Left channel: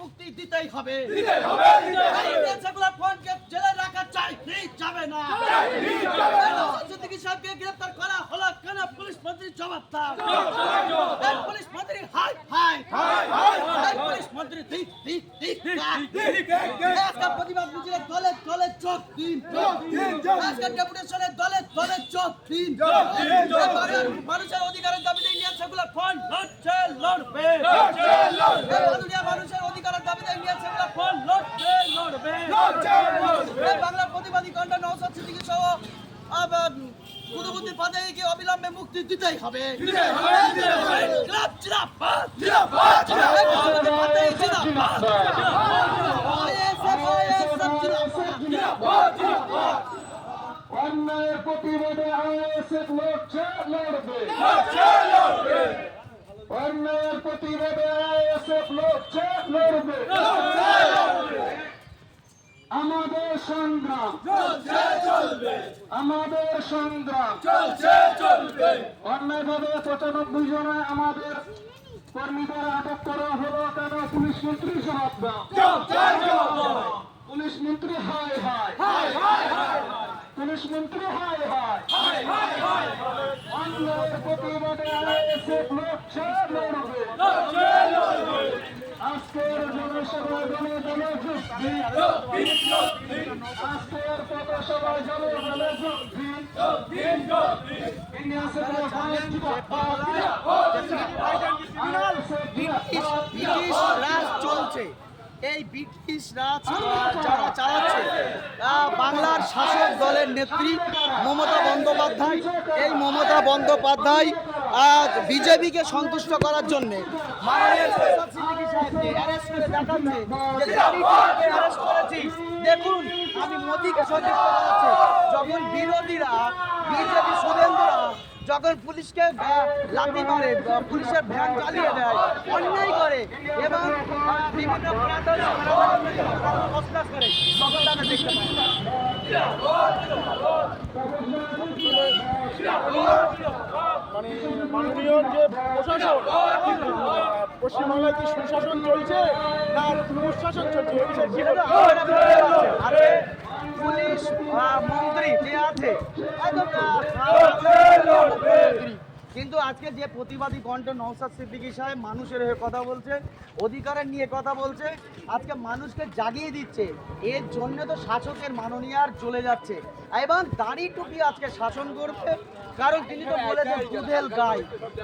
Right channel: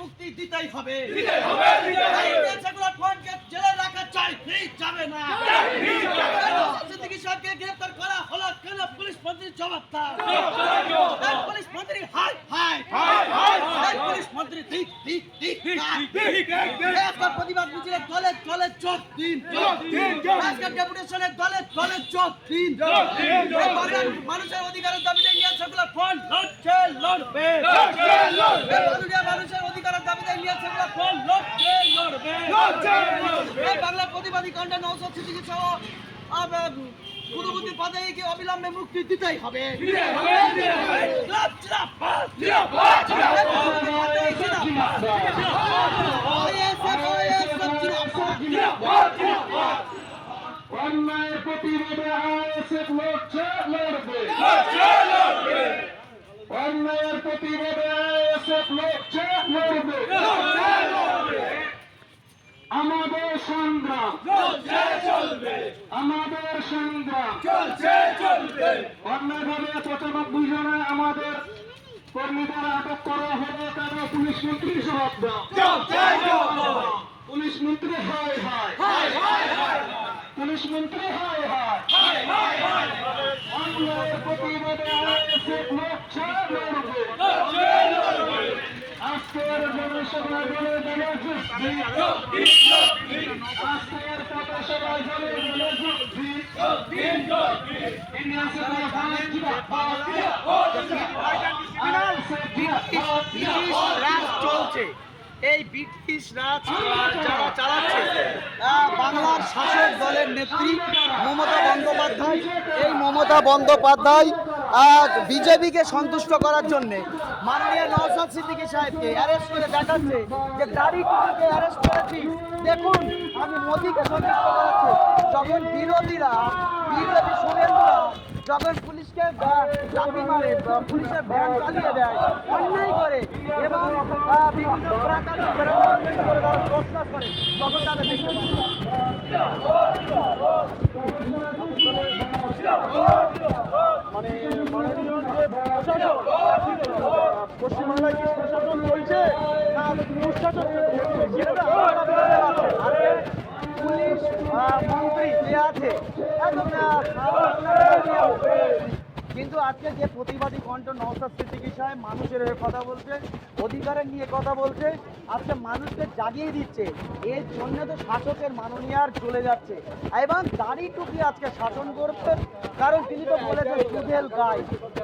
মুক্তি দিতেই হবে ফ্রি যাবে না সাহেবকে গ্রেপ্তার করা হলো কেন? পুলিশ মন্ত্রীর জবাব দাও। পুলিশ মন্ত্রী হাই হাই। পুলিশ মন্ত্রী ঠিক ঠিক ঠিক আজকের প্রতিবাদ মিছিলে দলে দলে যোগ দিন। আজকের ডেপুটেশনে দলে দলে যোগ দিন। মানুষের অধিকারের দাবিতে নিয়ে সেগুলো ফোন লড়ছে লড়বে। মানুষের অধিকারের দাবিতে নিয়ে সেগুলো ফোন লড়ছে লড়বে। বাংলা প্রতিবাদী কণ্ঠে নৌসাদ সিদ্দিকী সহ কুতুবুদ্দিন পাদাইকে অবিলম্বে মুক্তি দিতেই হবে অন্যায়ের প্রতিবাদে আইএসএফ লড়ছে লড়বে অন্যায়ের প্রতিবাদে আইএসএফ লড়ছে লড়বে সংগ্রাম। আমাদের সংগ্রাম। অন্যায়ভাবে পঁচানব্বই জনে আমাদের কর্মীদের আটক করা হলো কেন? পুলিশ মন্ত্রী দাও। পুলিশ মন্ত্রী হায় হায়। পুলিশ মন্ত্রী হায় হায়। অন্যায়ের প্রতিবাদে আইএসএফ লড়ছে লড়বে। আজকের জনসভায় দলে যুক্তি। আজকের পথসভায় ব্রিটিশ রাজ চলছে এই ব্রিটিশ রাজ যারা চালাচ্ছে বাংলার শাসক দলের নেত্রী মমতা বন্দ্যোপাধ্যায়। এই মমতা বন্দ্যোপাধ্যায় বিজেপিকে সন্তুষ্ট করার জন্য মাননীয় নওশাদ সিদ্দিকী সাহেবকে অ্যারেস্ট করে দেখাচ্ছে যে গাড়ি অ্যারেস্ট করেছি। দেখুন, আমি মোদিকে সন্তুষ্ট করাচ্ছে। যখন বিরোধীরা, বিজেপি সুরেন্দ্র যখন পুলিশকে লাথি মারে, পুলিশের ভ্যান চালিয়ে দেয়, অন্যায় করে এবং বিভিন্ন করে তখন তারা দেখতে পায়। মানে মাননীয় যে প্রশাসন পশ্চিমবাংলায় কি সুশাসন চলছে? না দুঃশাসন চলছে কিসের কি আরে পুলিশ আহ, মন্ত্রী যে আছে এতটা কিন্তু আজকে যে প্রতিবাদী কণ্ঠ নৌসাদ সিদ্দিকী সাহেব মানুষের হয়ে কথা বলছে অধিকারের নিয়ে কথা বলছে আজকে মানুষকে জাগিয়ে দিচ্ছে। এর জন্য তো শাসকের মাননীয়ার চলে যাচ্ছে। এবং দাড়ি টুপি আজকে শাসন করবে কারণ তিনি তো বলেছেন দুধেল গাই।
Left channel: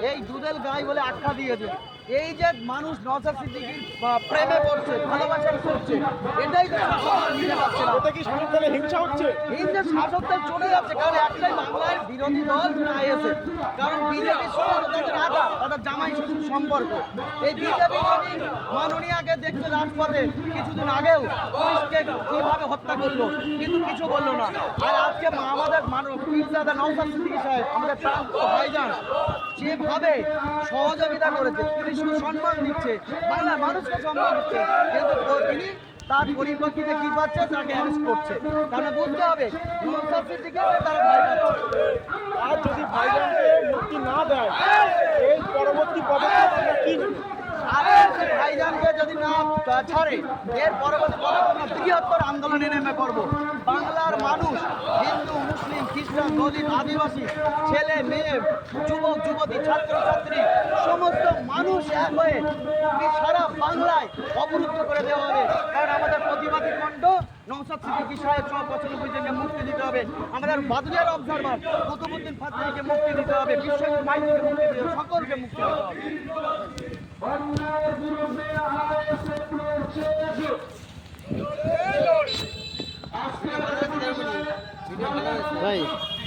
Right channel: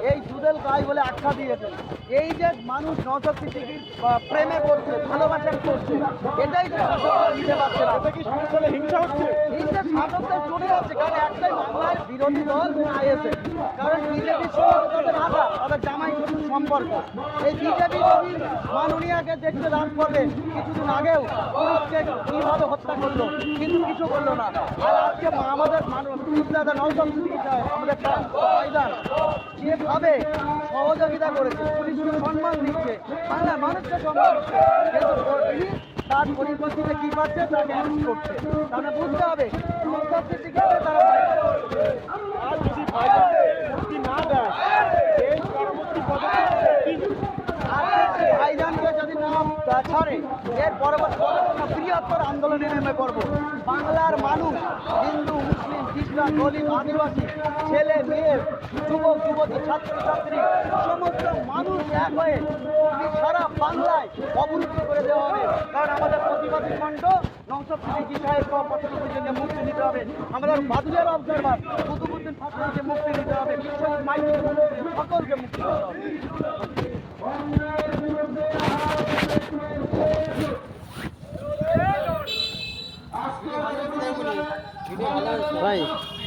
এই দুধেল গাই বলে আখ্যা দিয়েছেন। এই যে মানুষ নৌসাদ সিদ্দিকির প্রেমে করছে ভালোবাসা করছে এটাই তো হিংসা হচ্ছে? শাসকদের জুড়ে যাচ্ছে কারণ একটাই বাংলার বিরোধী দল আইএসএ কারণ বিজেপি কিছুদিন আগেও পুলিশকে কীভাবে হত্যা করল কিন্তু কিছু করল না আর আজকে আমাদের মানব দাদা সিদ্দিকী আমাদের যেভাবে সহযোগিতা করেছে পুলিশকে সম্মান দিচ্ছে বাংলার মানুষকে সম্মান দিচ্ছে কিন্তু তার পরিপ্রেক্ষিতে কি পাচ্ছে? তাকে অ্যারেস্ট করছে। তাহলে বুঝতে হবে তারা ভয় পাচ্ছে। আর যদি ভাইজানকে মুক্তি না দেয় এই পরবর্তী পদক্ষেপ কি আর এই ভাইজানকে যদি না ছাড়ে এর পরবর্তী বৃহত্তর আন্দোলনে নেমে পড়ব। বাংলার মানুষ, হিন্দু, মুসলিম, খ্রিস্টান দলিত আদিবাসী, ছেলে, মেয়ে, যুবক, যুবতী, ছাত্র, ছাত্রী, সমস্ত মানুষ এক হয়ে সারা বাংলায় অবরুদ্ধ করে দেওয়া হবে। কারণ আমাদের প্রতিবাদী কণ্ঠ নৌসব বিষয়ে সব পঁচানব্বই জনকে মুক্তি দিতে হবে। আমাদের বাদুলিয়ার অবজারভার কুতুবুদ্দিন ফাতমিকে মুক্তি দিতে হবে। বিশ্বজিৎ মাইতিকে মুক্তি দিতে হবে। সকলকে মুক্তি